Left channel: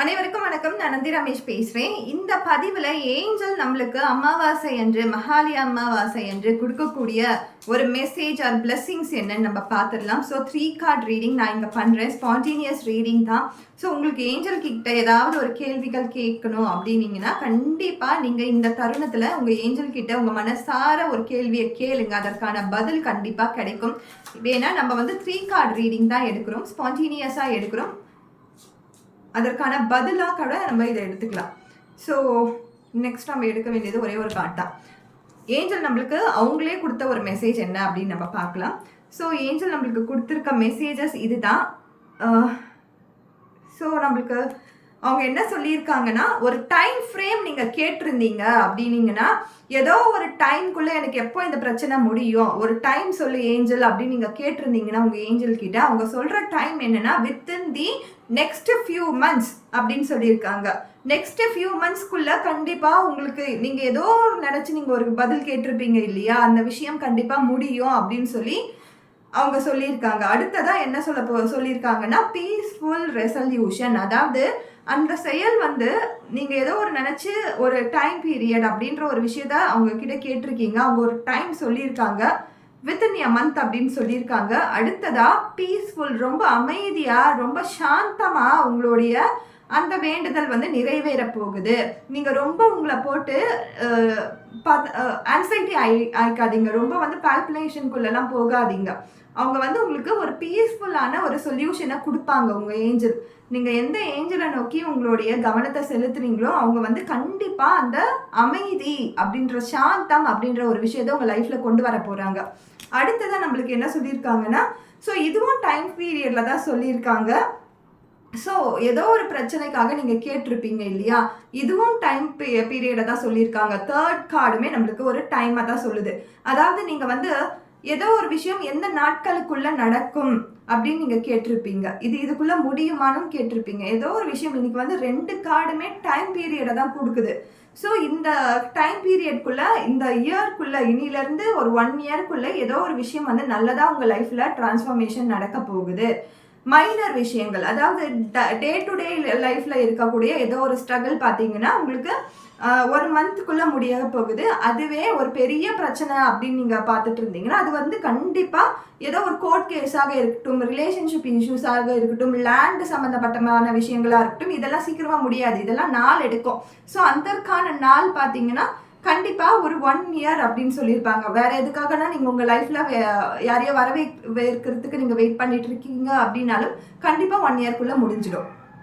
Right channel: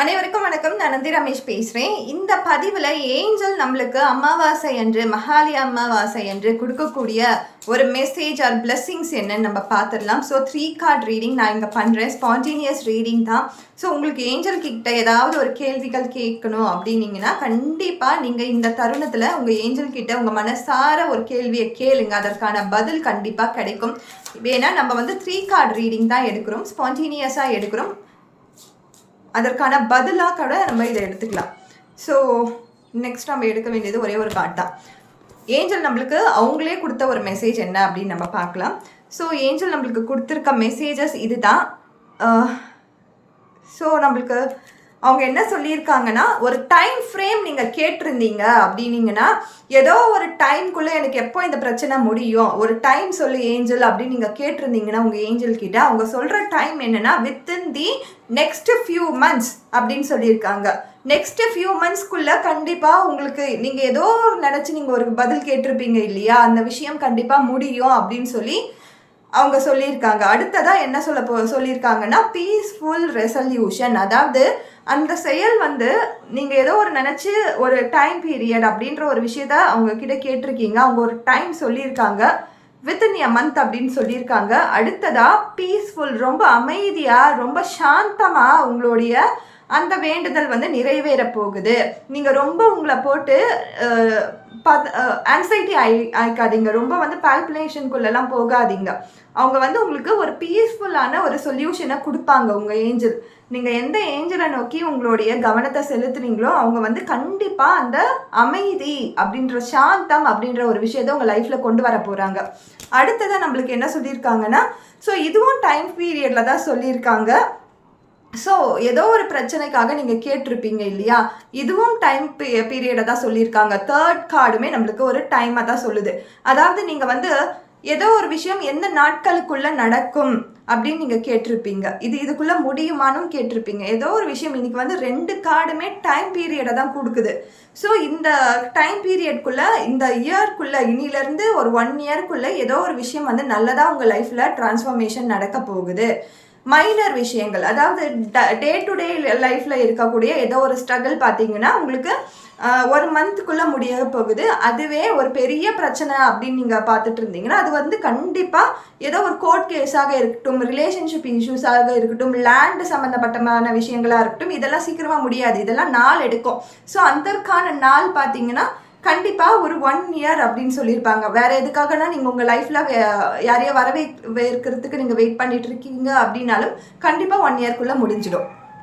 அனைவருக்கும் வணக்கம். நான் நந்தி ரமேஷ் பேசுகிறேன். இந்த பதிவில் ஏஞ்சல் நம்மளுக்கு அமாவாசை அன்று மகாலி அமாவாசை அன்று கொடுக்கக்கூடிய ஒரு மெசேஜ் ஆர் பிளெஸ்ஸிங்ஸ் என்னன்னு நம்ம பார்த்துடலாம். ஸோ 3 கார்ட் ரீடிங் நான் இங்கே பண்ணுறேன். ஸ்பான்டேனியஸ் ரீடிங் தான். ஸோ உங்களுக்கு ஏஞ்சல் கிட்ட ஏதாவது ஒரு கேள்விகள் கேட்கணும் அப்படின்னீங்கன்னா கண்டிப்பாக நீங்கள் இந்த தருணத்தில் உங்கள் ஏஞ்சல் கிட்ட உங்கள் மனசார ஒரு கேள்வியை கேளுங்க. அதற்கான பதில் கண்டிப்பாக கிடைக்கும். ஏன்னா நம்ம 3 கார்ட் ரீடிங் தான் எடுக்கிறோம், ஸ்பான்டேனியஸாக எடுக்கிறோம். அதற்கான பதிலாக கூட நம்ம இதை எடுத்துக்கலாம். ஸோ நெக்ஸ்ட் நம்ம எடுக்க வேண்டியது ஒரே ஒரு கார்ட் தான். ஏஞ்சல் நம்மளுக்கு அவங்களே கொடுத்த ஒரு மெசேஜ் என்ன அப்படின்னு நம்ம பார்க்கலாம். ஸோ ஏஞ்சல் நம்மளுக்கு கொடுத்துருக்க மெசேஜஸ் இது தான். ஸோ நம்மளுக்கு அவங்க என்ன சொல்லியிருக்காங்கன்னா, ஒரு டைம் ஃப்ரேம் நீங்கள் கேட்டிருந்தீங்க அப்படின்னீங்கன்னா, ஏதோ ஒரு டைம்குள்ளே எனக்கு எப்போ இந்த பிரச்சனை முடியும், ஒரு டைம் சொல்லு ஏஞ்சல் அப்படின்னு நீங்கள் கேட்டிருந்தீங்கன்னா உங்கள் ஏஞ்சல் கிட்ட அவங்க சொல்கிற டைம் என்னென்னா within the next few months அப்படின்னு சொல்லியிருக்காங்க. நெக்ஸ்ட் ஃபியூ மந்த்ஸ்க்குள்ளே கண்டிப்பாக உங்களுக்கு நீங்கள் ஏதோ நினச்சி நீங்கள் ஒரு பதில் கேட்டிருப்பீங்க இல்லையா, அந்த விஷயம் கண்டிப்பாக முடியும் அப்படின்னு சொல்லி அவங்க சொல்லியிருக்காங்க. அடுத்ததாக என்ன சொல்லியிருக்காங்கன்னா பீஸ்ஃபுல் ரெசல்யூஷன். அதாவது அந்த செயல் நீங்கள் ஏதோ ஒரு நினச்சி ஒரு டைம் பீரியட் அப்படின்ற ஒரு விஷயத்த அவங்க கிட்ட கேட்டிருக்கீங்க. அவங்க ஒரு டைம் சொல்லியிருக்காங்க, வித்தின் எ மந்த் அப்படின்னு சொல்லியிருக்காங்க. அடுத்ததாக பீஸ்ஃபுல், ரொம்ப அமைதியாக ரொம்ப சாந்தமாக உங்களுடைய அந்த வேண்டுதல் நிறைவேற போகுது. நீங்கள் ரொம்ப உங்களை போட்டு ஆன்சைட்டி ஆயிக்காதீங்க, ரொம்ப பால்பினேஷனுக்குள்ளெல்லாம் போகாதீங்க. அவங்க உங்களுக்கு ஒரு பீஸ்ஃபுல்லான ஒரு சொல்யூஷனை கொடுப்பாங்க உங்கள் ஏஞ்சல். நீங்கள் எந்த ஏஞ்சலை நோக்கி உங்களுடைய கவனத்தை செலுத்துனீங்களோ அவங்க கண்டிப்பாக அந்த அமைதி அப்படின்ற சாந்தம் அப்படின்ற ஒரு விஷயத்தை உங்கள் லைஃப்பில் கொண்டு வர போகிறாங்க. அடுத்ததாக நம்மளுக்கு என்ன சொல்லியிருக்காங்கன்னா, ஸோ இதுவும் டைம் பீரியடில் தான் சொல்லியிருக்காங்க. ஸோ ஏதோ ஒரு பிரச்சனைக்காக நீங்கள் கேட்டிருப்பீங்க இல்லையா, இதுவும் டைம் பீரியடை தான் சொல்லியிருக்காங்க. 3rd கார்டுமே நம்மளுக்கு ஒரு டைமை தான் சொல்லுது. அதாவது நீங்கள் ஏதோ ஒரு விஷயம் எந்த நாட்களுக்குள்ளே நடக்கும் அப்படின்னு நீங்கள் கேட்டிருப்பீங்க, இதுக்குள்ளே முடியுமானும் கேட்டிருப்பீங்க. ஏதோ ஒரு விஷயம் இன்னைக்கு 2 கார்டுமே டைம் பீரியடை தான் கொடுக்குது. ஸோ இந்த டைம் பீரியட்குள்ளே, இந்த இயர்க்குள்ளே, இனிலேருந்து ஒரு 1 இயர்க்குள்ளே ஏதோ ஒரு விஷயம் நல்லதாக உங்கள் லைஃப்பில் டிரான்ஸ்ஃபார்மேஷன் நடக்க போகுது. மைனர் விஷயங்கள், அதாவது டே டு டே லைஃப்பில் இருக்கக்கூடிய ஏதோ ஒரு ஸ்ட்ரகிள் பார்த்தீங்கன்னா உங்களுக்கு 1 மந்த்துக்குள்ளே முடிய போகுது. அதுவே ஒரு பெரிய பிரச்சனை அப்படின்னு நீங்கள் பார்த்துட்டு இருந்தீங்கன்னா அது கண்டிப்பாக ஏதோ ஒரு கோர்ட் கேஸாக இருக்கட்டும், ரிலேஷன்ஷிப் இஷ்யூஸாக இருக்கட்டும், லேண்டு சம்மந்தப்பட்டமான விஷயங்களாக இருக்கட்டும், இதெல்லாம் சீக்கிரமாக முடியாது, இதெல்லாம் நாள் எடுக்கும். ஸோ அதற்கான நாள் பார்த்தீங்கன்னா கண்டிப்பாக ஒரு 1 இயர் அப்படின்னு சொல்லியிருப்பாங்க. வேறு எதுக்காகனா நீங்கள் உங்கள் லைஃப்பில் யாரையோ வரவேற்கிறதுக்கு நீங்கள் வெயிட் பண்ணிட்டு இருக்கீங்க அப்படின்னாலும் கண்டிப்பாக 1 இயர்க்குள்ளே முடிஞ்சிடும்.